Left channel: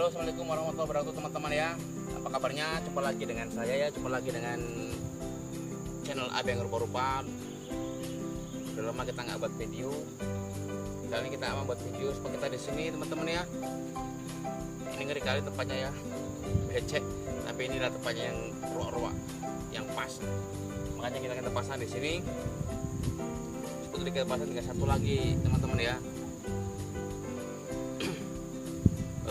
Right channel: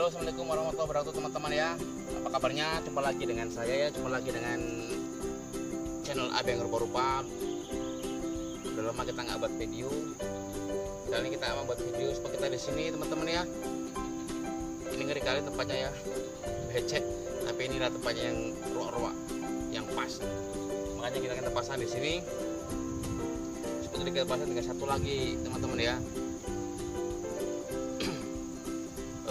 Halo, assalamualaikum warahmatullahi wabarakatuh teman-teman ya. Apa kabarnya? Jumpa lagi dengan saya ya. Jumpa lagi dengan channel Abang Rupa-Rupa. Udah lama kita nggak buat video. Kali ini kita akan buat video supaya kita di sini teman-teman ya. Ini ngeri kali tempatnya ya. Becek. Tapi inilah tempatnya yang ruak-ruak, yang pas. Makanya kita akan pasang di sini. Seperti kita pasang dengan satu lagi teman-teman ya.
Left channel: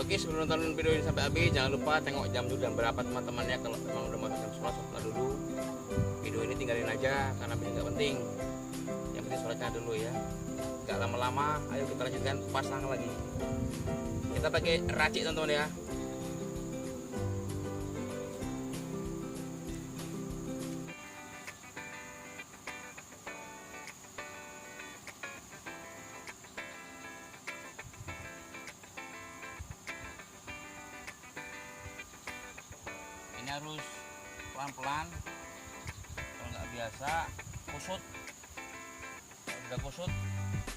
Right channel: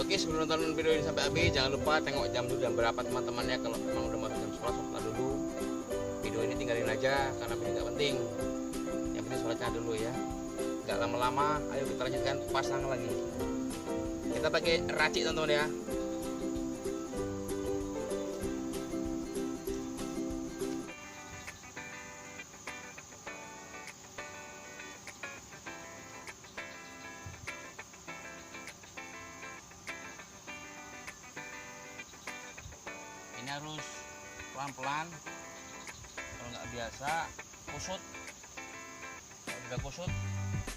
Oke, sebelum nonton video ini sampai habis, jangan lupa tengok jam dulu jam berapa teman-teman ya. Kalau memang udah masuk jam sholat dulu. Video ini tinggalin aja karena ini nggak penting. Yang penting sholatnya dulu ya. Nggak lama-lama, ayo kita lanjutkan pasang lagi. Kita pakai racik teman-teman ya. Ini harus pelan-pelan, kalau nggak biasa kusut. Kalau udah kusut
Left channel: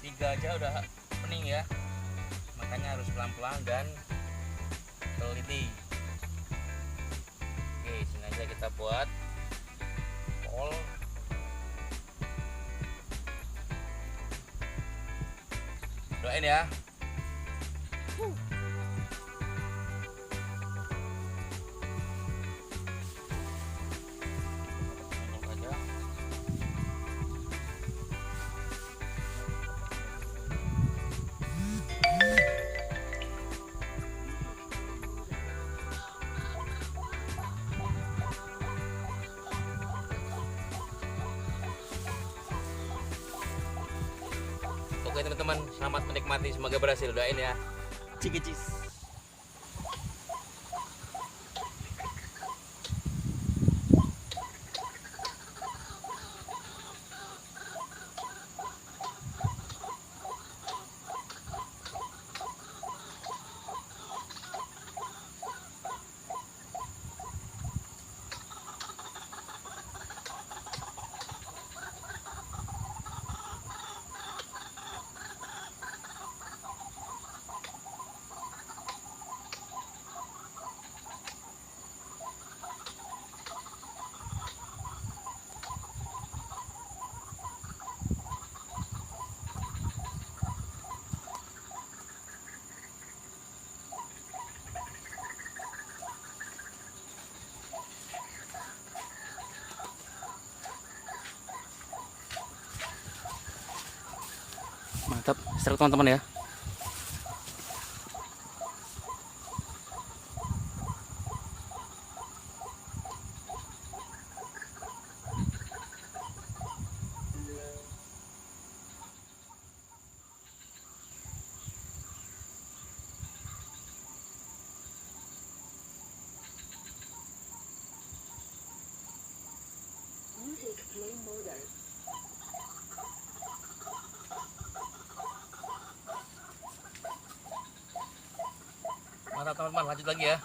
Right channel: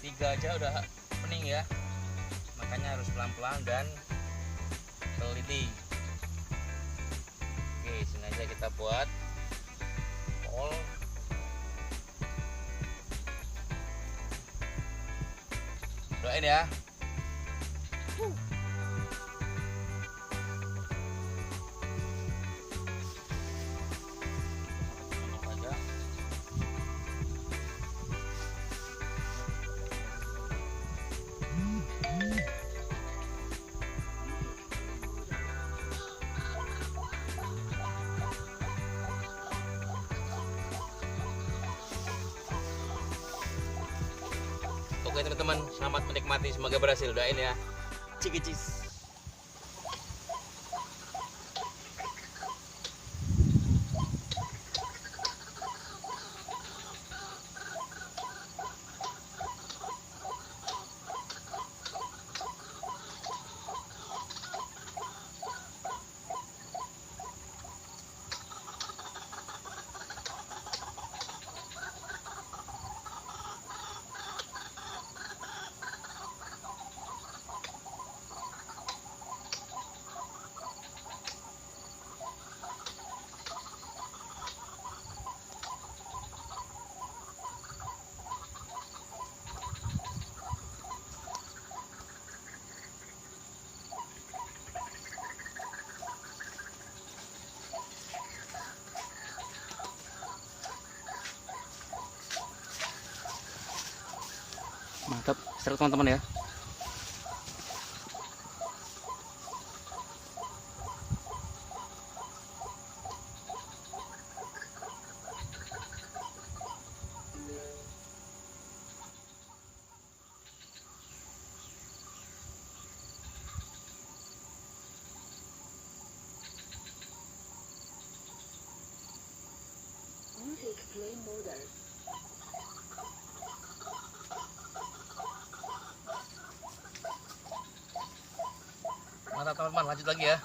3 aja udah pening ya, makanya harus pelan-pelan dan teliti. Oke, sini aja kita buat pol. Doain ya. Oke teman-teman, selamat menikmati, semoga berhasil, doain ya. Cikicis. Mantap, seru teman-teman ya. Music play mode. Mantap teman-teman, lanjut lagi ya.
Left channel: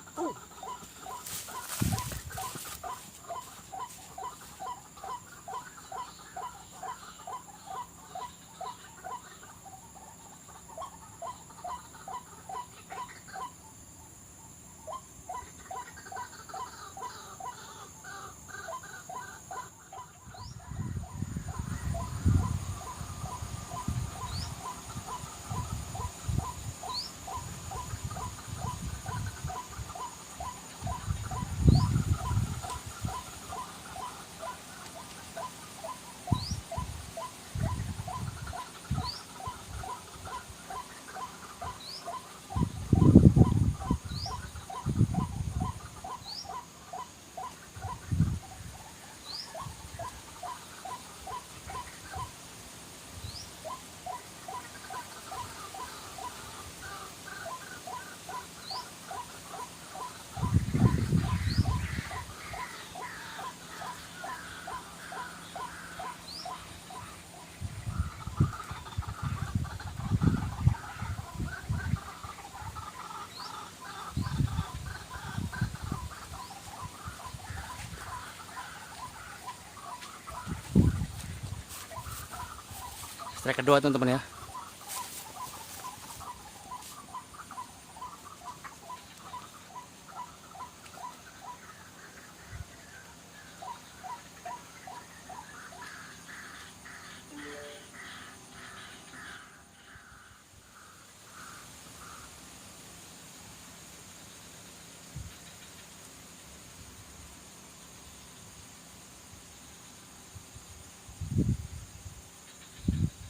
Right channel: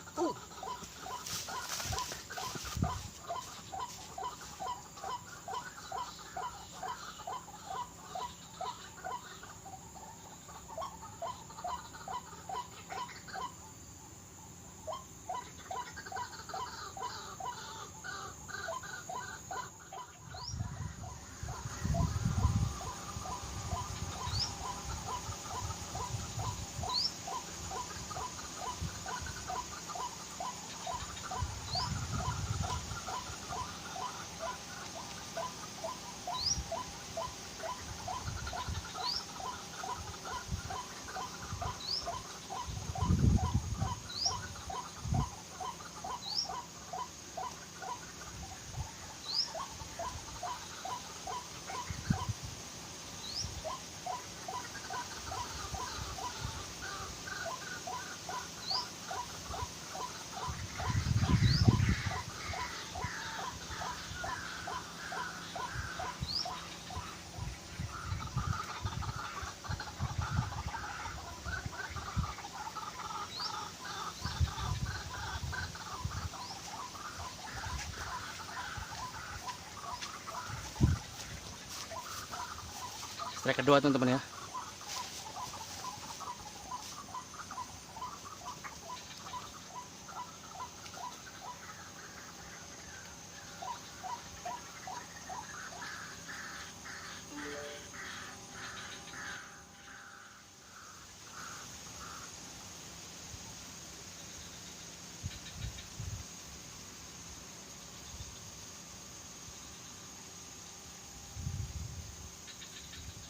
Strike kedua teman-teman ya.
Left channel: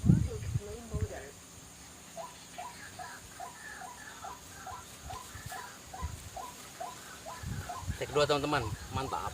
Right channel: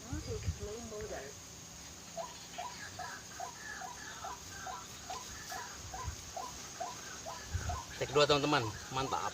Music play mode. Take 2 teman-teman, mantap.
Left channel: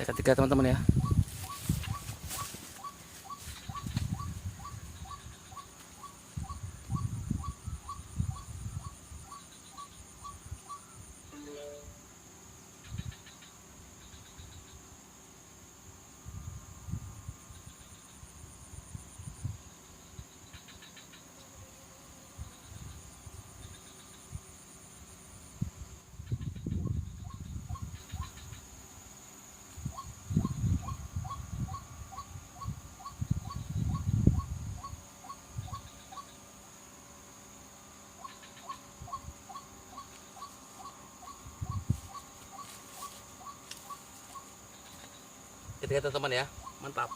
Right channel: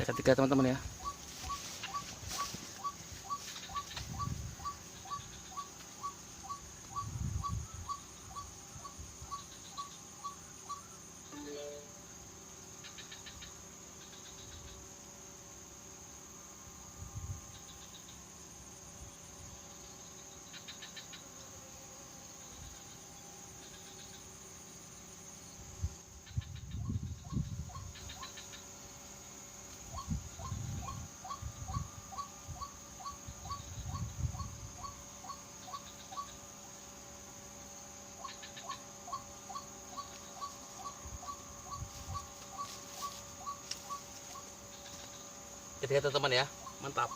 Saya ketiga teman-teman ya. Ketiga teman-teman ya, mantap.